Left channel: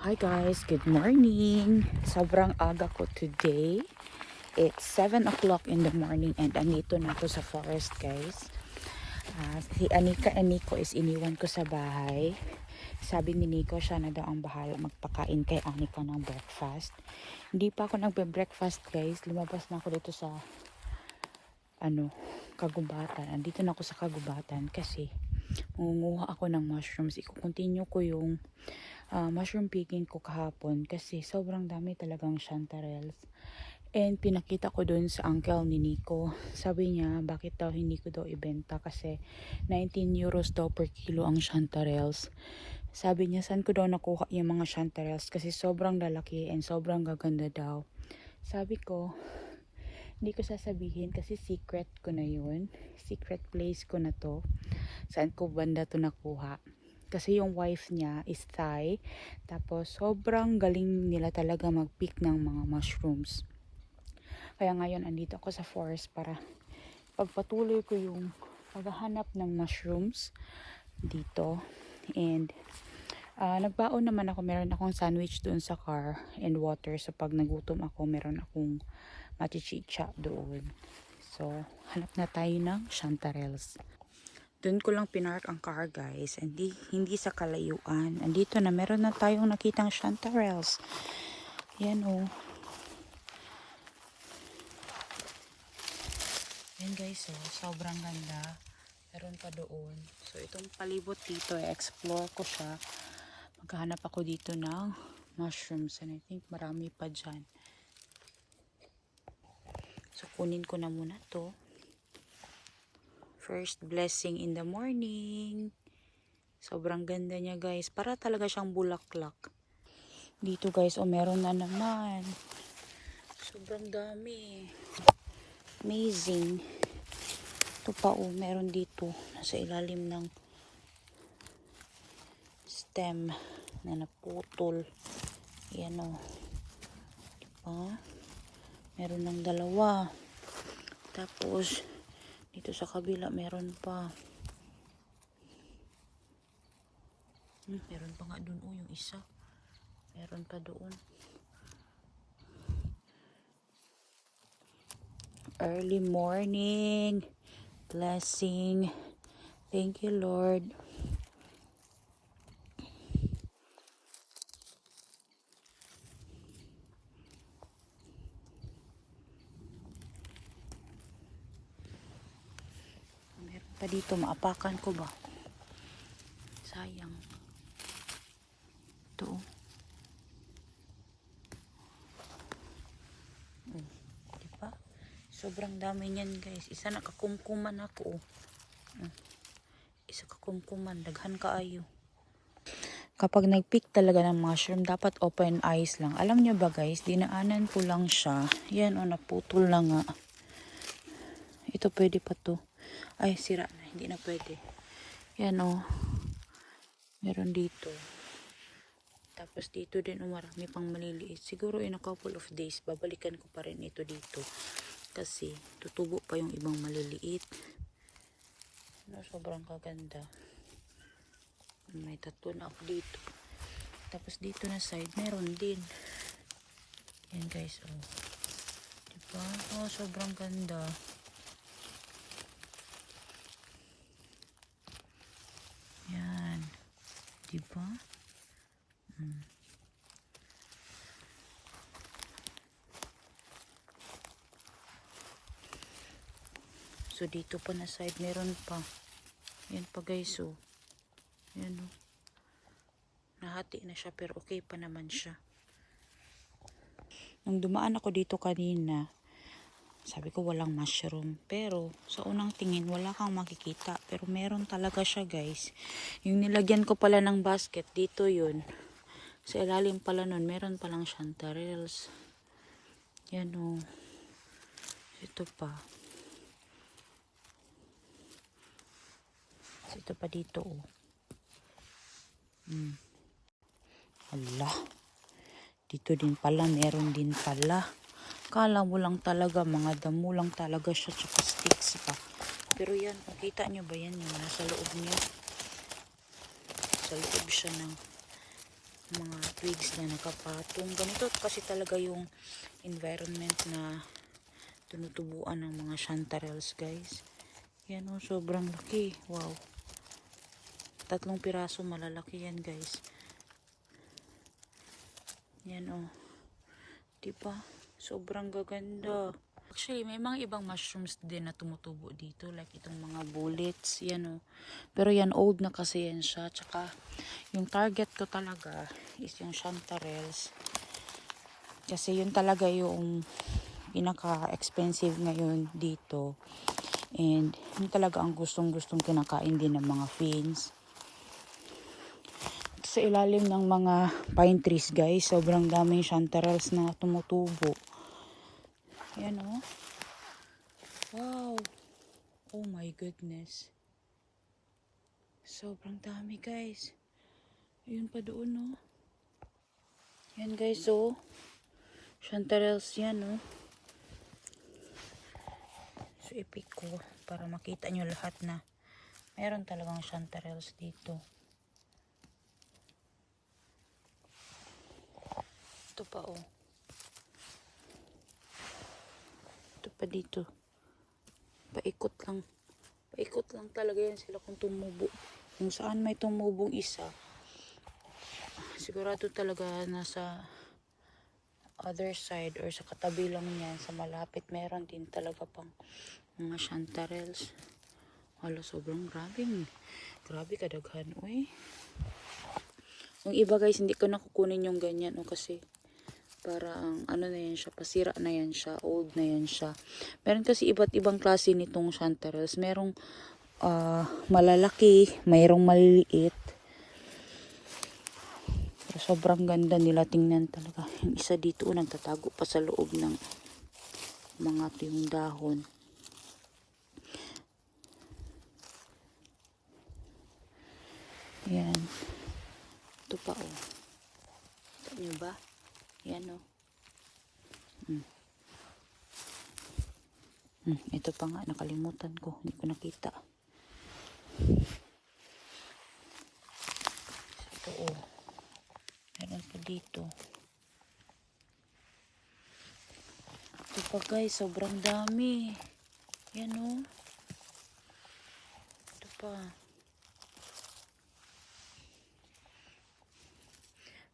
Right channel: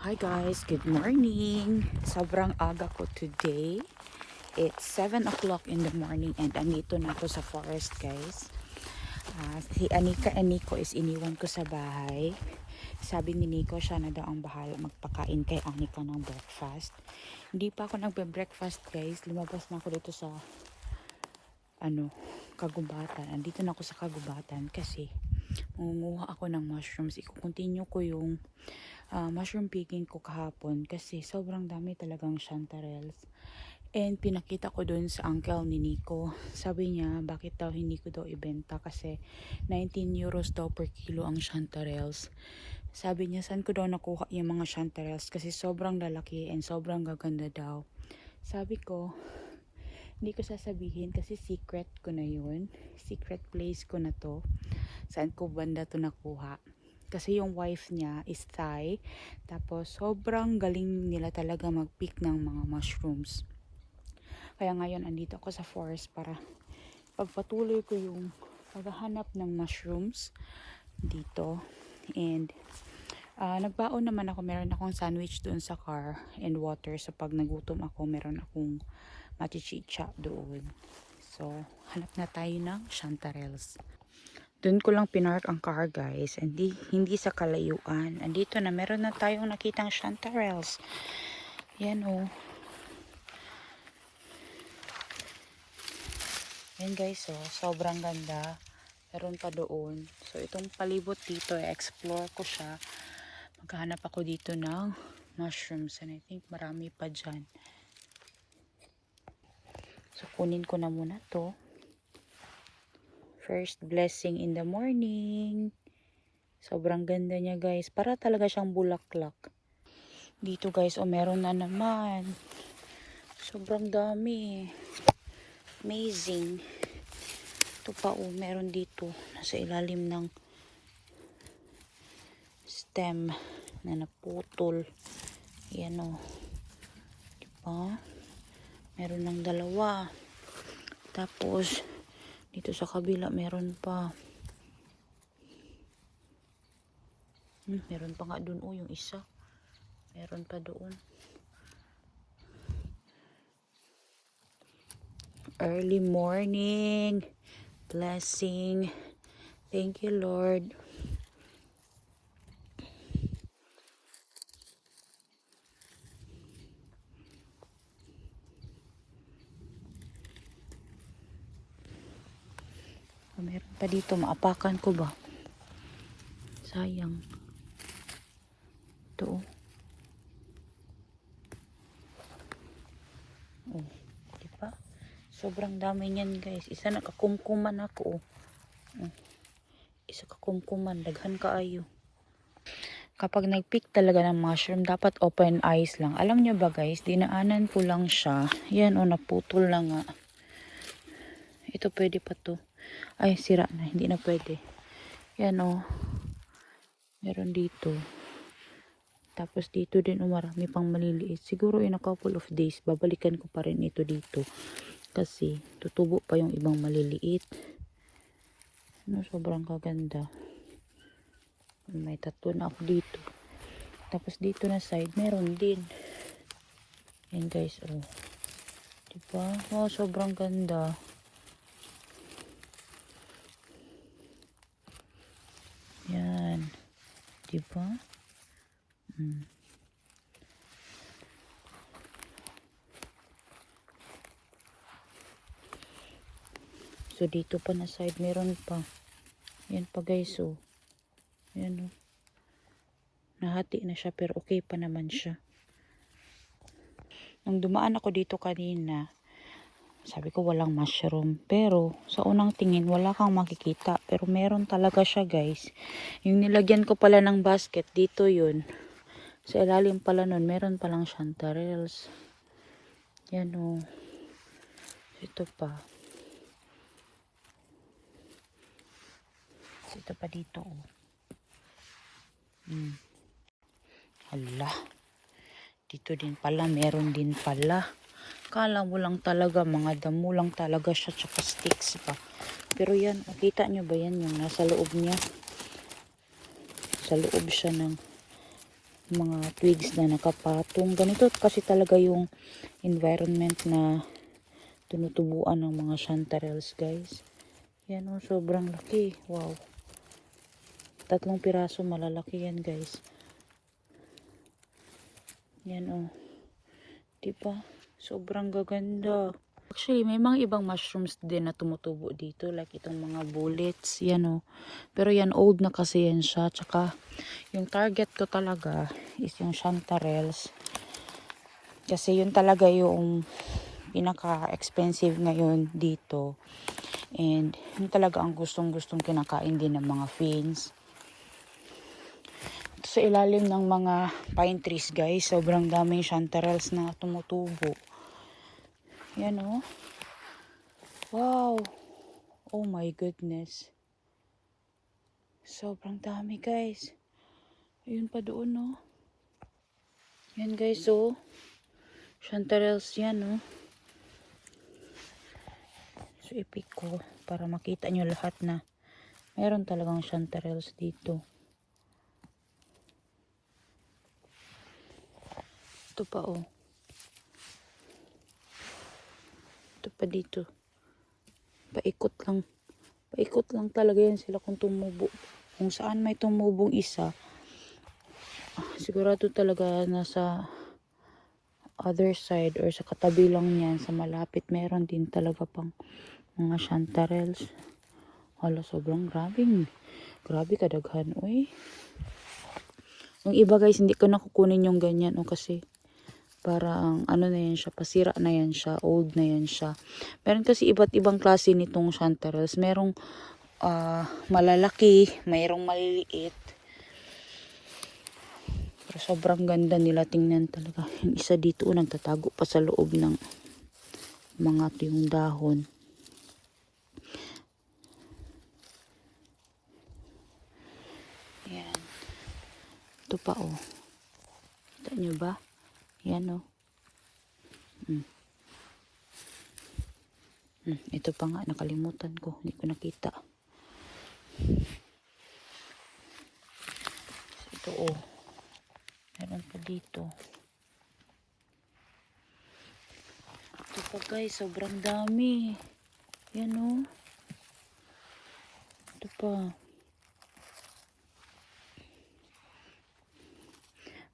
Hi guys, good morning. Sobrang aga ko today. It's 7 o'clock in the morning and andito na ako sa forest guys. Si Anika and Nico is iniwan ko sa bahay. Sabi ni Nico siya na daw ang bahala magpakain kay Anika ng breakfast. Hindi pa ako nagbe-breakfast guys. Lumabas na ako dito sa kagubatan. Andito na ako sa kagubatan kasi mangunguha ako ng mushrooms. Iko-continue ko yung mushroom picking ko kahapon kasi sobrang dami talagang chanterelles. And pinakita ko dun sa uncle ni Nico. Sabi niya, bakit daw hindi ko daw ibenta kasi 19 euros daw per kilo ang chanterelles. Sabi niya, saan ko daw nakuha yung mga chanterelles kasi sobrang lalaki and sobrang gaganda daw. Sabi ko, hindi ko sasabihin kasi secret ko na yun. Secret place ko na to. Saan ko banda to nakuha. Kasi yung wife niya is Thai. Tapos sobrang galing nila talaga mag-pick ng mga mushrooms. Kaya ngayon andito ako sa forest para pagpatuloy ko yung paghahanap ng mushrooms dito. And nagbaon naman ako. Meron akong sandwich doon sa car and water. So pag nagutom ako, meron akong matichicha doon. So hanap na tayo ng chanterelles. Doon ko lang pinark ang car guys. Hindi sa kalayuan. Andito na meron na tayong nakitang chanterelles. Yan o. Yan guys o. Sobrang ganda. Meron pa doon. So itong palibot dito explore ko siya. Maghahanap ako dito ng mushrooms. And I think marami pa dyan. So kunin ko na muna to. First blessing in the morning. Sobrang ganda niya guys. Para talaga siyang bulaklak. Dito guys, meron na naman. Sobrang dami. Amazing. Ito pa meron dito. Nasa ilalim ng stem na naputol. Yan diba? Meron ng dalawa. Tapos, dito sa kabila meron pa. Meron pa nga dun yung isa. Meron pa doon. Early morning. Blessing. Thank you, Lord. Meron pa dito. Maapakan ko ba? Sayang. Ito diba? Sobrang dami niyan guys. Isa nakakumkuman ako Isa kakumkuman. Daghan kaayo. Kapag nagpick talaga ng mushroom, dapat open eyes lang. Alam nyo ba guys, dinaanan ko lang siya. Yan naputol na nga. Ito pwede pa to. Ay, sira na. Hindi na pwede. Yan meron dito. Tapos dito din marami pang maliliit. Siguro in a couple of days, babalikan ko pa rin ito dito. Kasi tutubo pa yung ibang maliliit. Sobrang kaganda. May tatlo na ako dito. Tapos dito na side, meron din. Yan guys, diba? Sobrang ganda. Yan. Diba? So dito pa na side, meron pa. Yan pa guys, yan nahati na siya pero okay pa naman siya. Nung dumaan ako dito kanina, sabi ko walang mushroom. Pero sa unang tingin wala kang makikita. Pero meron talaga siya guys. Yung nilagyan ko pala ng basket, dito yun. Sa ilalim pala nun, meron palang chanterelles. Yan Ito pa. Ito pa dito Hala. Dito din pala, meron din pala. Kala mo lang talaga, mga damo lang talaga siya, tsaka sticks pa. Pero yan, kita nyo ba yan yung nasa loob niya? Sa loob siya ng mga twigs na nakapatong. Ganito kasi talaga yung environment na tinutubuan ng mga chanterelles, guys. Yan o, sobrang laki. Wow. 3 piraso, malalaki yan, guys. Yan o. Diba? Sobrang gaganda. Actually, may mga ibang mushrooms din na tumutubo dito. Like itong mga bullets. Yan o. Pero yan, old na kasi yan siya. Tsaka, yung target ko talaga is yung chanterelles. Kasi yun talaga yung pinaka-expensive ngayon dito. And yun talaga ang gustong-gustong kinakain din ng mga fins. Sa ilalim ng mga pine trees, guys, sobrang daming chanterelles na tumutubo. Yan o. Wow. Oh my goodness. Sobrang dami, guys. Ayun pa doon, no. Yan, guys, oh. Chanterelles yan, no. So, ipik ko para makita nyo lahat na meron talagang chanterelles dito. Ito pa, oh. Ito pa dito. Paikot lang. Paikot lang talaga yan sila kung tumubo. Kung saan may tumubong isa, sigurado talaga nasa other side or sa katabi lang niyan, sa malapit, meron din talaga pang mga chanterelles. Hala, sobrang grabe. Grabe kadaghan, uy. Yung iba, guys, hindi ko nakukunin yung ganyan, o kasi parang ano na yan siya, pasira na yan siya, old na yan siya. Meron kasi iba't ibang klase nitong chanterelles. Merong malalaki, mayroong maliliit. Pero sobrang ganda nila tingnan talaga. Yung isa dito, nagtatago pa sa loob ng mga tuyong dahon. Yan. Ito pa, oh. Kita nyo ba? Yan, oh. Ito pa nga, nakalimutan ko. Hindi ko nakita. Ito, oh. Meron pa dito. Ito pa, guys. Sobrang dami. Yan, oh. Ito pa.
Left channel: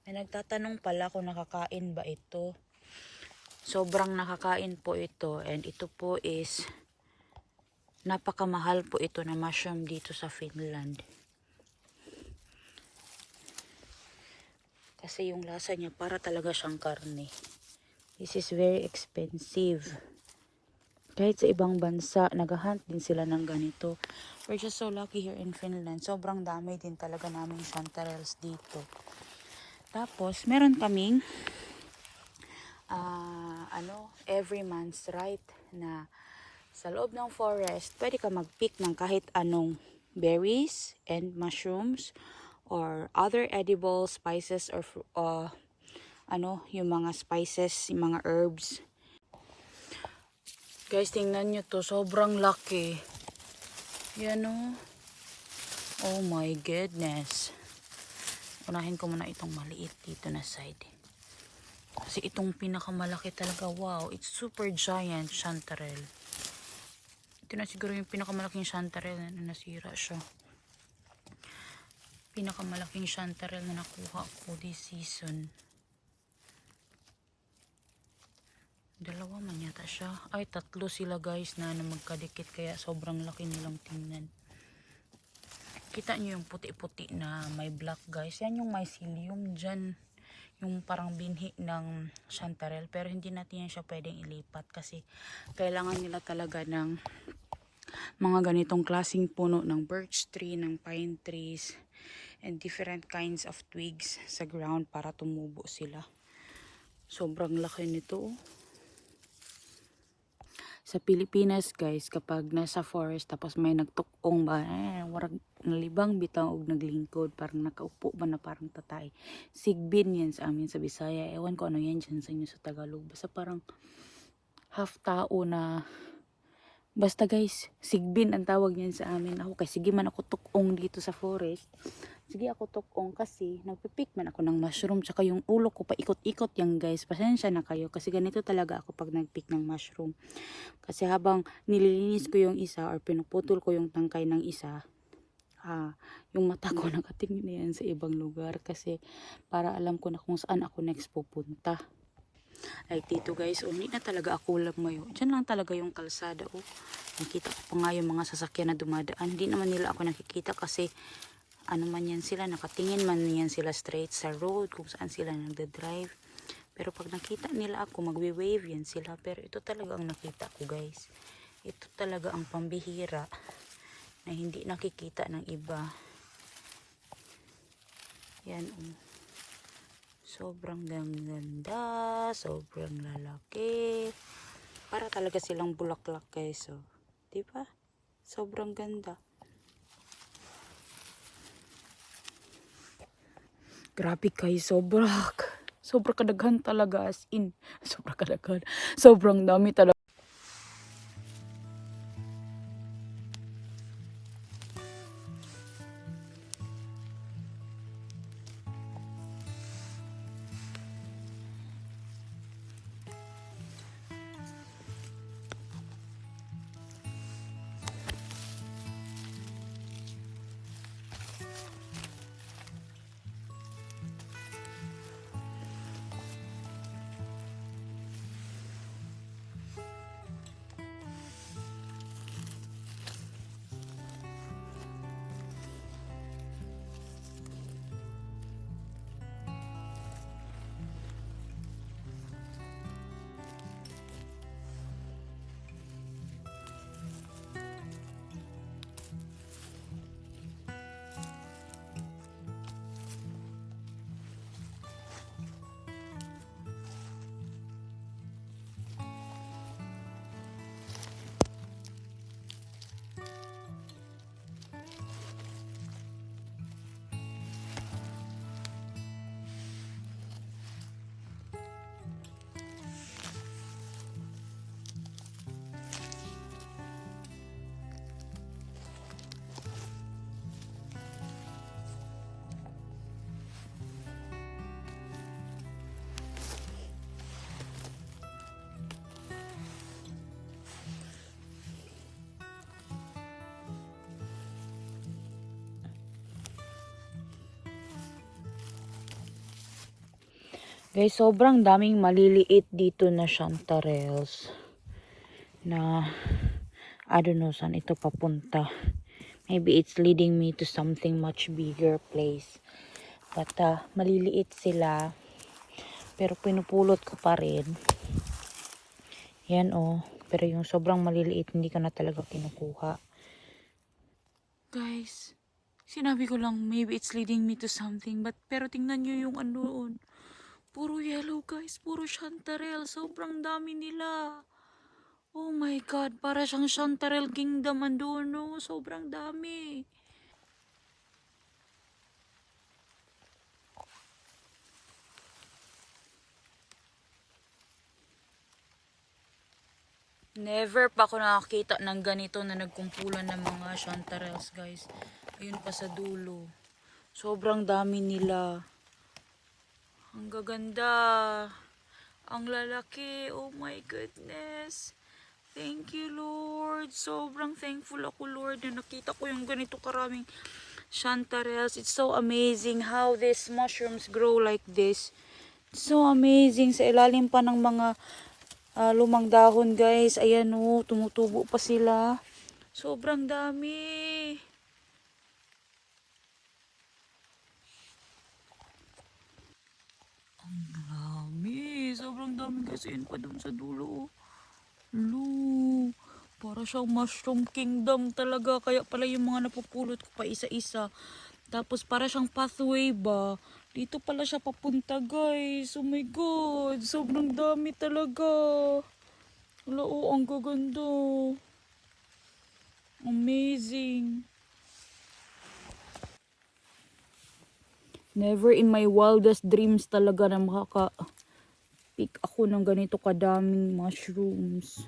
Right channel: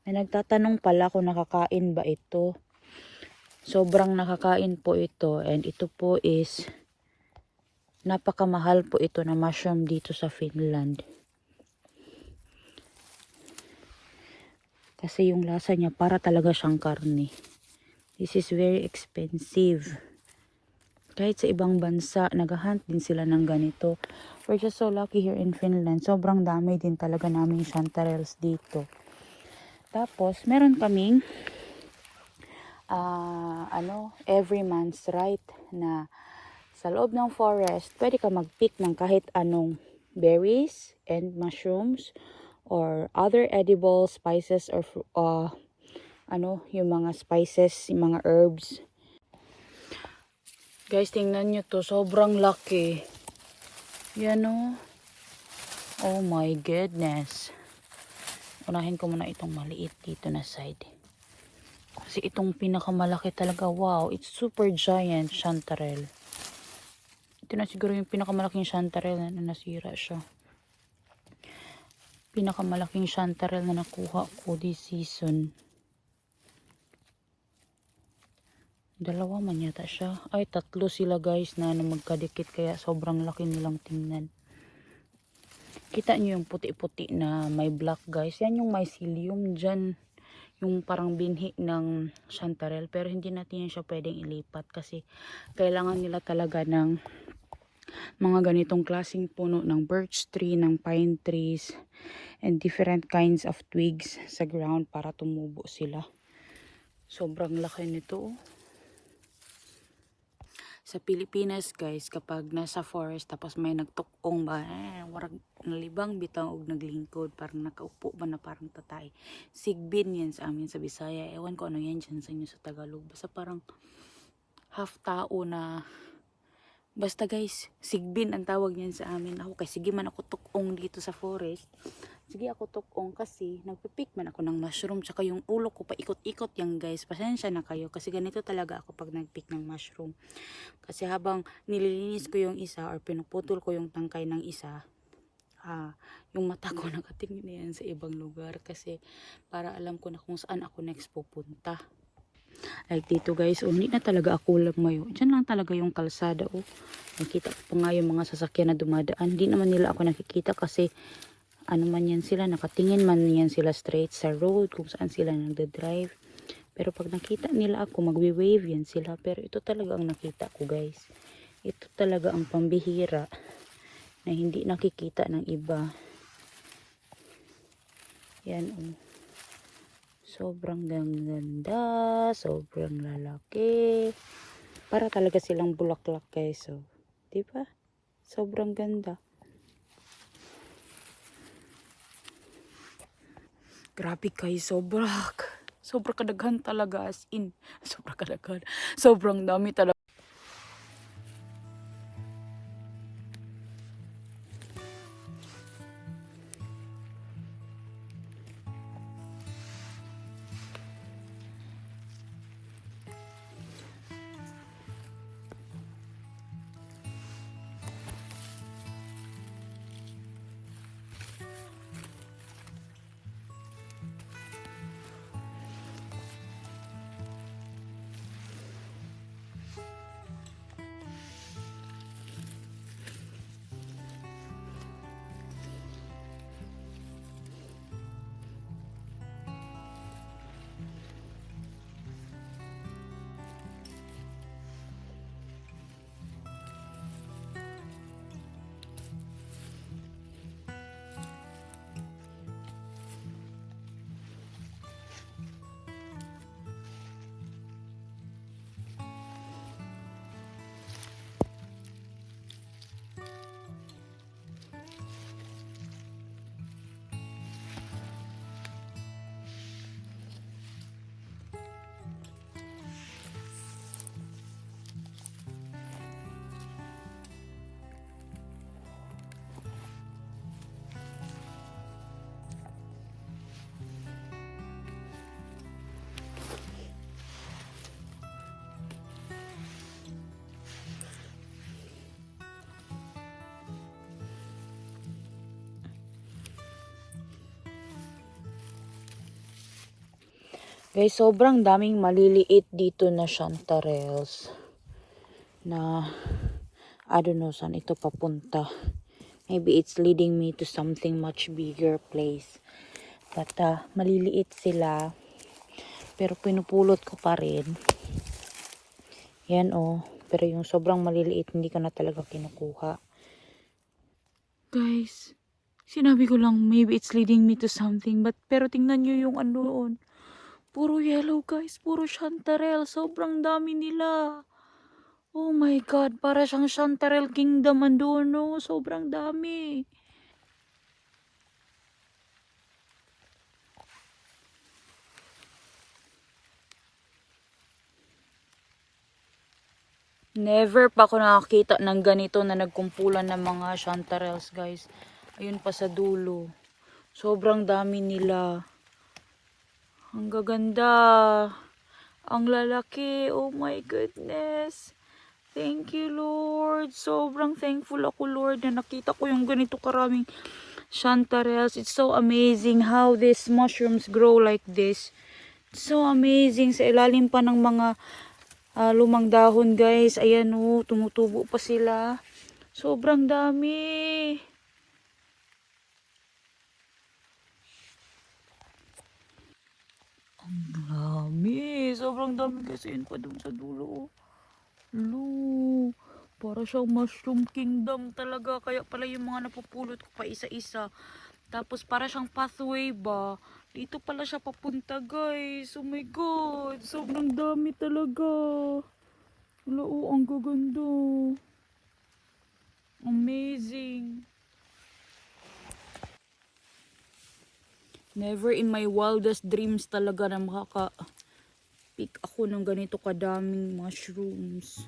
May nagtatanong pala kung nakakain ba ito. Sobrang nakakain po ito. And ito po is napakamahal po ito na mushroom dito sa Finland. Kasi yung lasa niya para talaga siyang karne. This is very expensive. Kahit sa ibang bansa, naghahunt din sila ng ganito. We're just so lucky here in Finland. Sobrang dami din talaga namin chanterelles dito. Tapos, meron kaming every month's right na sa loob ng forest, pwede ka mag-pick ng kahit anong berries and mushrooms or other edible spices or yung mga spices, yung mga herbs. Guys, tingnan nyo to. Sobrang laki. Yan o. Oh my goodness. Unahin ko muna itong maliit dito na side. Kasi itong pinakamalaki talaga, wow, it's super giant chanterelle. Ito na siguro yung pinakamalaking chanterelle na nasira siya. Pinakamalaking chanterelle na nakuha ko this season. Dalawa man yata siya. Ay, 3 sila, guys, na magkadikit, kaya sobrang laki nilang tingnan. Kita nyo yung puti-puti na may black, guys. Yan yung mycelium dyan. Yung parang binhi ng chanterelle. Pero hindi natin yan siya pwedeng ilipat kasi kailangan nila talaga ng mga ganitong klaseng puno ng birch tree, ng pine trees, and different kinds of twigs sa ground para tumubo sila. Sobrang laki nito. Sa Pilipinas, guys, kapag nasa forest tapos may nagtukong ba, warag nalibang bitaw og naglingkod, parang nakaupo ba na parang tatay. Sigbin yan sa amin sa Bisaya. Ewan ko ano yan dyan sa inyo sa Tagalog. Basta parang half tao na, basta guys, sigbin ang tawag niyan sa amin. Ako kasi sige man ako tukong dito sa forest. sige ako tukong kasi nagpipik man ako ng mushroom, tsaka yung ulo ko pa ikot-ikot yan guys. Pasensya na kayo kasi ganito talaga ako pag nagpick ng mushroom. Kasi habang nililinis ko yung isa or pinuputol ko yung tangkay ng isa, yung mata ko nakatingin na yan sa ibang lugar kasi para alam ko na kung saan ako next pupunta. Like dito guys, hindi na talaga ako lumayo. Diyan lang talaga yung kalsada. Nakita ko pa nga yung mga sasakyan na dumadaan. Hindi naman nila ako nakikita kasi ano man yan sila, nakatingin man yan sila straight sa road kung saan sila nagda-drive. Pero pag nakita nila ako, magwe-wave yan sila. Pero ito talaga ang nakita ko guys. Ito talaga ang pambihira na hindi nakikita ng iba. Yan sobrang ganda, sobrang lalaki. Para talaga silang bulaklak guys. So, di ba? Sobrang ganda. Grabe guys, sobra kadaghan talaga, as in. Sobra kadaghan. Sobrang dami talaga. Guys, sobrang daming maliliit dito na chanterelles na I don't know saan ito papunta. Maybe it's leading me to something much bigger place. But maliliit sila pero pinupulot ko pa rin. Yan pero yung sobrang maliliit hindi ko na talaga kinukuha. Guys, sinabi ko lang maybe it's leading me to something, pero tingnan nyo yung doon. Puro yellow guys, puro chanterelle. Sobrang dami nila. Oh my God, para siyang chanterelle kingdom andun, no? Sobrang dami. Never pa ako nakakita ng ganito na nagkumpulan ng mga chanterelles guys. Ayun pa sa dulo. Sobrang dami nila. Ang gaganda. Ang lalaki. Oh my goodness. Thank you, Lord. Sobrang thankful ako, Lord, na nakita ko yung ganito karaming chanterelles. It's so amazing how these mushrooms grow like this. It's so amazing. Sa ilalim pa ng mga lumang dahon, guys. Ayan, tumutubo pa sila. Sobrang dami. Ang dami. Sobrang dami kasi yun pa dun sa dulo. Para siyang mushroom kingdom talaga. Kaya pala yung mga napupulot ko pa isa-isa. Tapos para siyang pathway ba. Dito pala siya papunta guys. Oh my God. Sobrang dami talaga. Ang gaganda. Amazing. Never in my wildest dreams talaga na makaka-pick ako ng ganito kadaming mushrooms.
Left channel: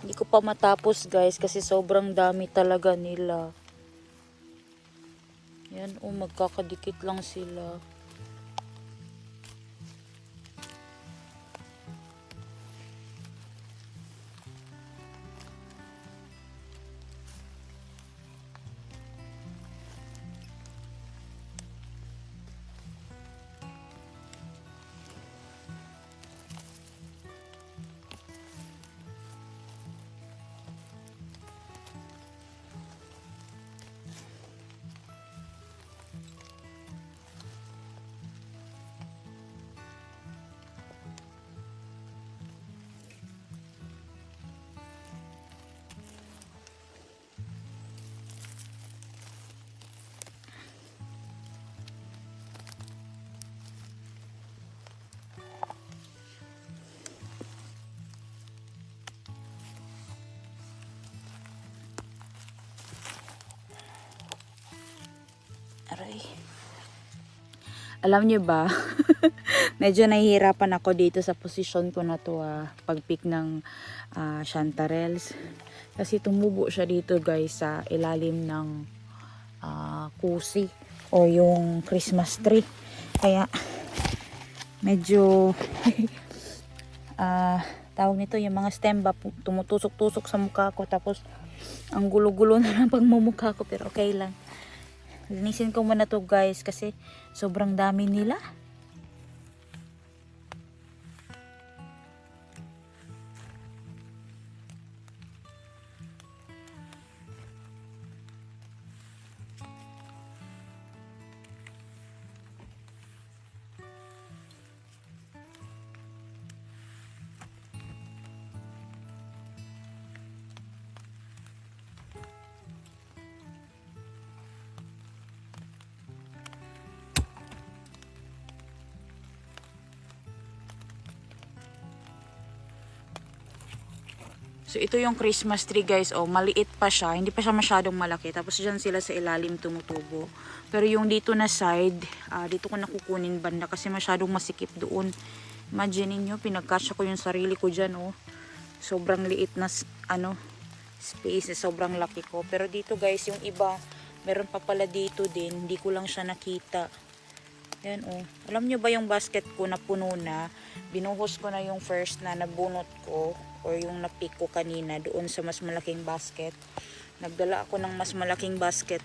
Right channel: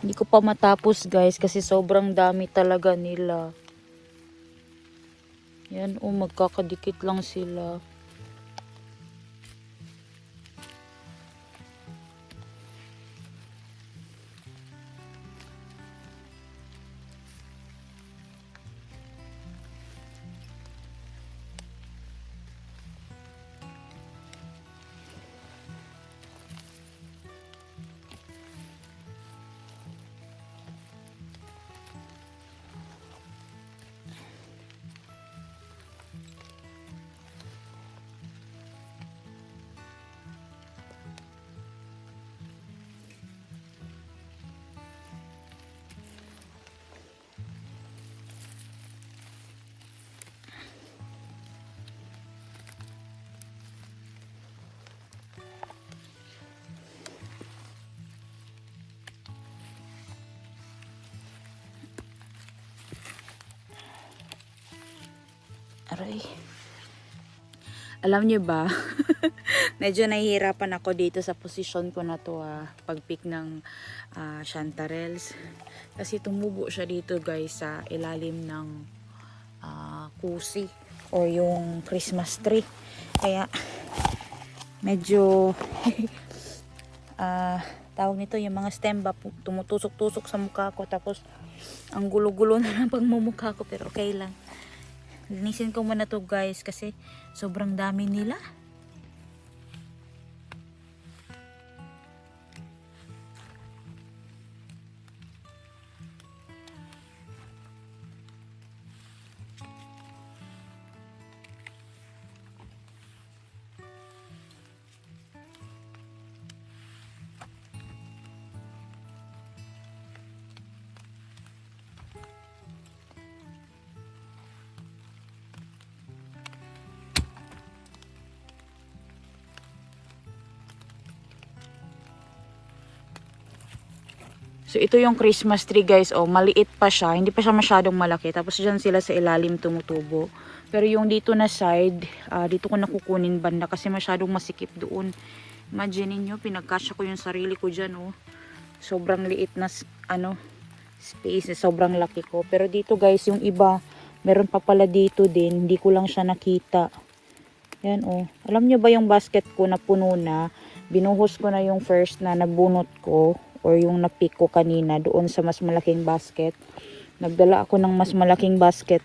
Hindi ko pa matapos guys kasi sobrang dami talaga nila. Yan oh, magkakadikit lang sila. Aray. Alam niyo ba, medyo nahihirapan ako dito sa posisyon ko na to pag-pick ng chanterelles. Kasi tumubo siya dito guys sa ilalim ng kusi o yung Christmas tree. Kaya medyo tawag nito yung mga stem ba tumutusok-tusok sa mukha ko, tapos ang gulo-gulo na ng pagmumukha ko, pero okay lang. Linisin ko muna to guys kasi sobrang dami nila. So, ito yung Christmas tree guys. Oh, maliit pa siya. Hindi pa siya masyadong malaki. Tapos, dyan sila sa ilalim tumutubo. Pero yung dito na side, dito ko nakukunin banda kasi masyadong masikip doon. Imagine niyo, pinagkasya ko yung sarili ko dyan. Oh. Sobrang liit na space. Sobrang laki ko. Pero dito guys, yung iba, meron pa pala dito din. Hindi ko lang siya nakita. Yan oh. Alam niyo ba yung basket ko na puno na? Binuhos ko na yung first na nabunot ko or yung napick ko kanina doon sa mas malaking basket. Nagdala ako ng mas malaking basket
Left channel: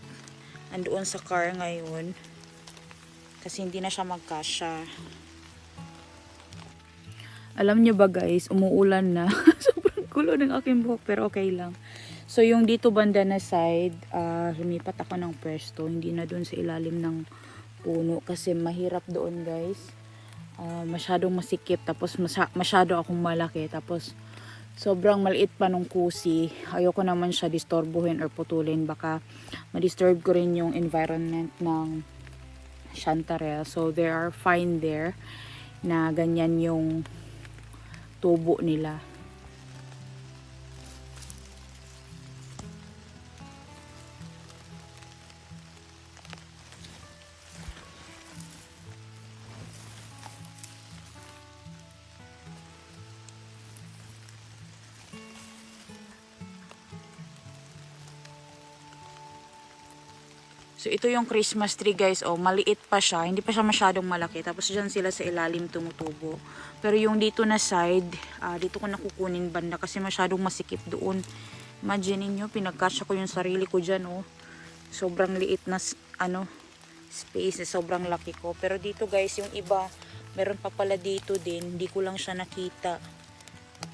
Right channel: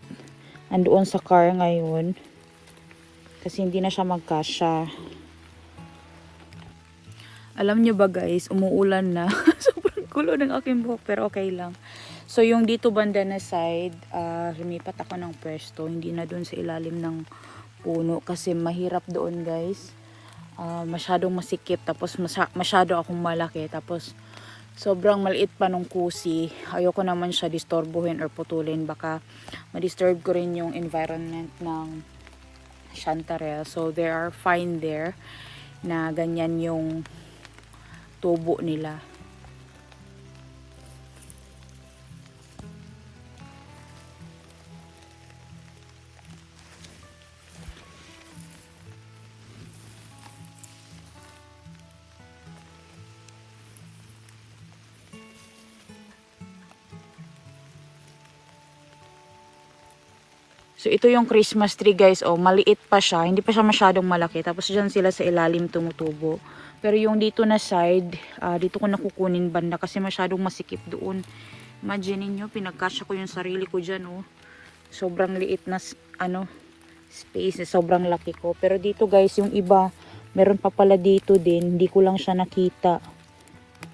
andoon sa car ngayon kasi hindi na siya magkasya. Alam niyo ba guys, umuulan na. Sobrang gulo ng aking buhok pero okay lang. So yung dito banda na side, lumipat ako ng pwesto, hindi na doon sa ilalim ng puno kasi mahirap doon guys. Masyadong masikip, tapos masyado akong malaki, tapos sobrang maliit pa nung kusi. Ayoko naman siya disturbuhin or putulin, baka ma-disturb ko rin yung environment ng chanterelle. So they are fine there na ganyan yung tubo nila. So, ito yung Christmas tree guys. Oh, maliit pa siya. Hindi pa siya masyadong malaki. Tapos, dyan sila sa ilalim tumutubo. Pero yung dito na side, dito ko nakukunin banda kasi masyadong masikip doon. Imagine niyo, pinagkasya ko yung sarili ko dyan. Oh. Sobrang liit na space. Sobrang laki ko. Pero dito guys, yung iba, meron pa pala dito din. Hindi ko lang siya nakita.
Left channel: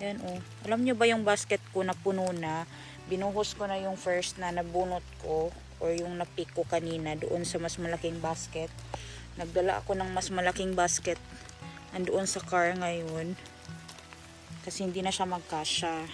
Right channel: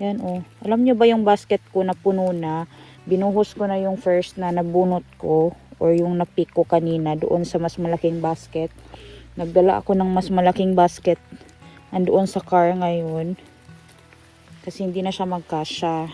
Yan oh. Alam niyo ba yung basket ko na puno na? Binuhos ko na yung first na nabunot ko or yung napick ko kanina doon sa mas malaking basket. Nagdala ako ng mas malaking basket andoon sa car ngayon kasi hindi na siya magkasya.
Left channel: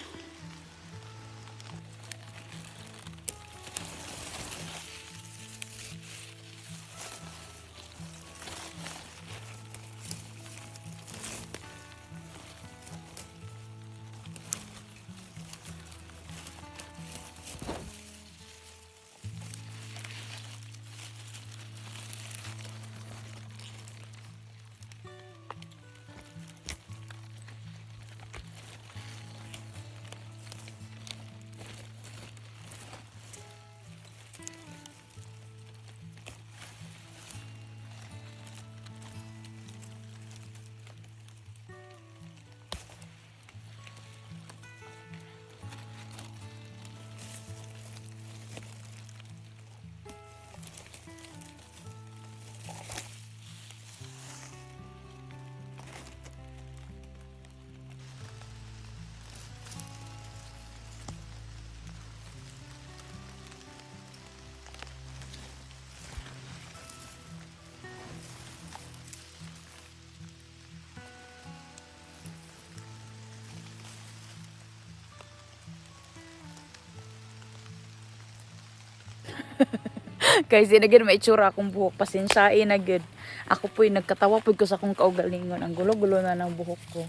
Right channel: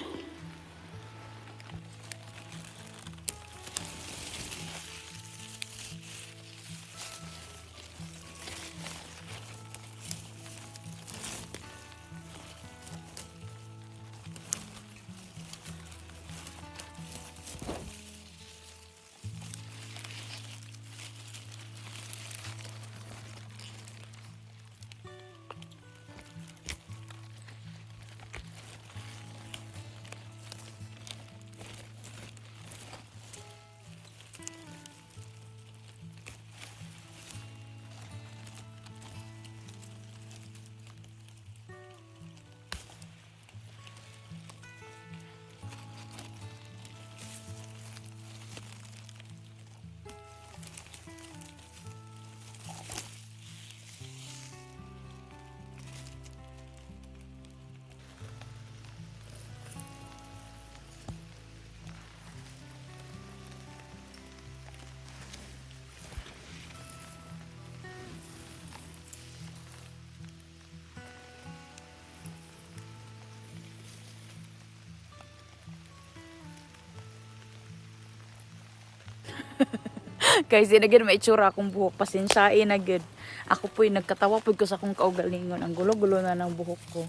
Kasi na gid may itsura akong buhok, pasensyain na gid. Ako po'y nagkatawa po ko sa akong kaugalingon. Ang gulo-gulo na ng buhok ko.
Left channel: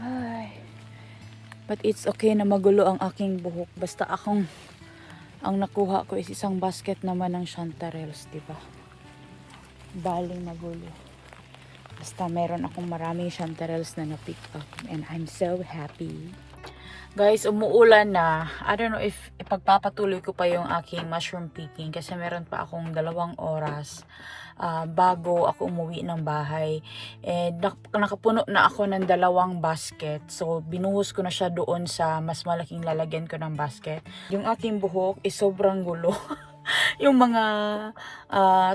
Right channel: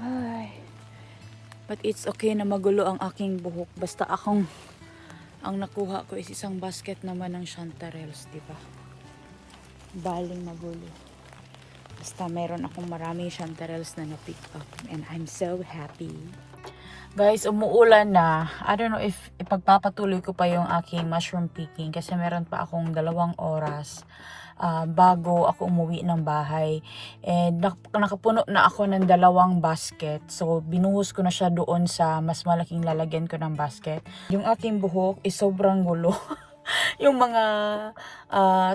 Ay. But it's okay na magulo ang aking buhok. Basta ang nakuha ko is isang basket naman ng chanterelles, di ba? Baling magulo. Basta meron akong maraming chanterelles na na-pick up. And I'm so happy. Guys, umuulan na. I don't know if ipagpapatuloy ko pa yung aking mushroom picking kasi meron pa akong 2 oras bago ako umuwi ng bahay. And nakapuno na ako ng 2 basket. So, binuhos ko na siya doon sa mas malaking lalagyan ko ng basket. Yung aking buhok is sobrang gulo. Yung mga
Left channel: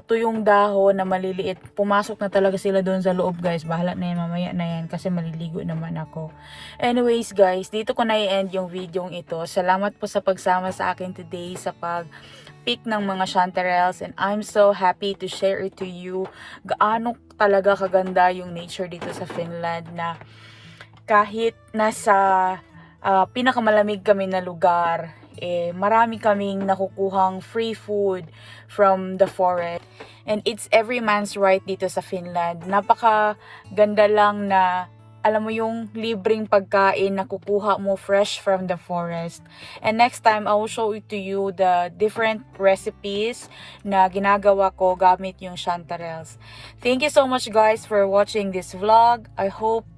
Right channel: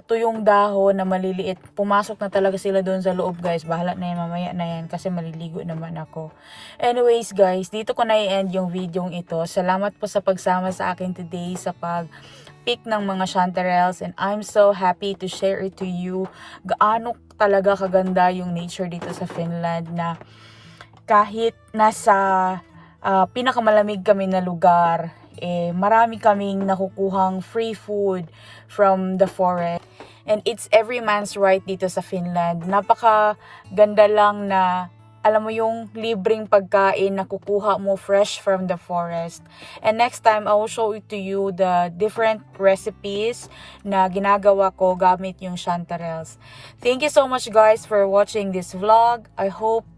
tuyong dahon na maliliit, pumasok na talaga sila doon sa loob, guys. Bahala na yan, mamaya na yan kasi maliligo naman ako. Anyways, guys, dito ko na i-end yung video ito. Salamat po sa pagsama sa akin today sa pag-pick ng mga chanterelles, and I'm so happy to share it to you. Gaano talaga kaganda yung nature dito sa Finland, na kahit nasa pinakamalamig kami na lugar, marami kaming nakukuhang free food from the forest. And it's every man's right dito sa Finland. Napaka ganda lang na, alam mo yung libreng pagkain na kukuha mo fresh from the forest. And next time, I will show it to you the different recipes na ginagawa ko gamit yung chanterelles. Thank you so much, guys, for watching this vlog. I hope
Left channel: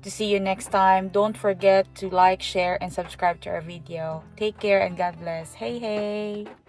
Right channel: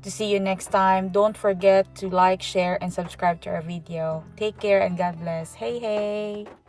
to see you next time. Don't forget to like, share, and subscribe to our video. Take care and God bless. Hey, hey!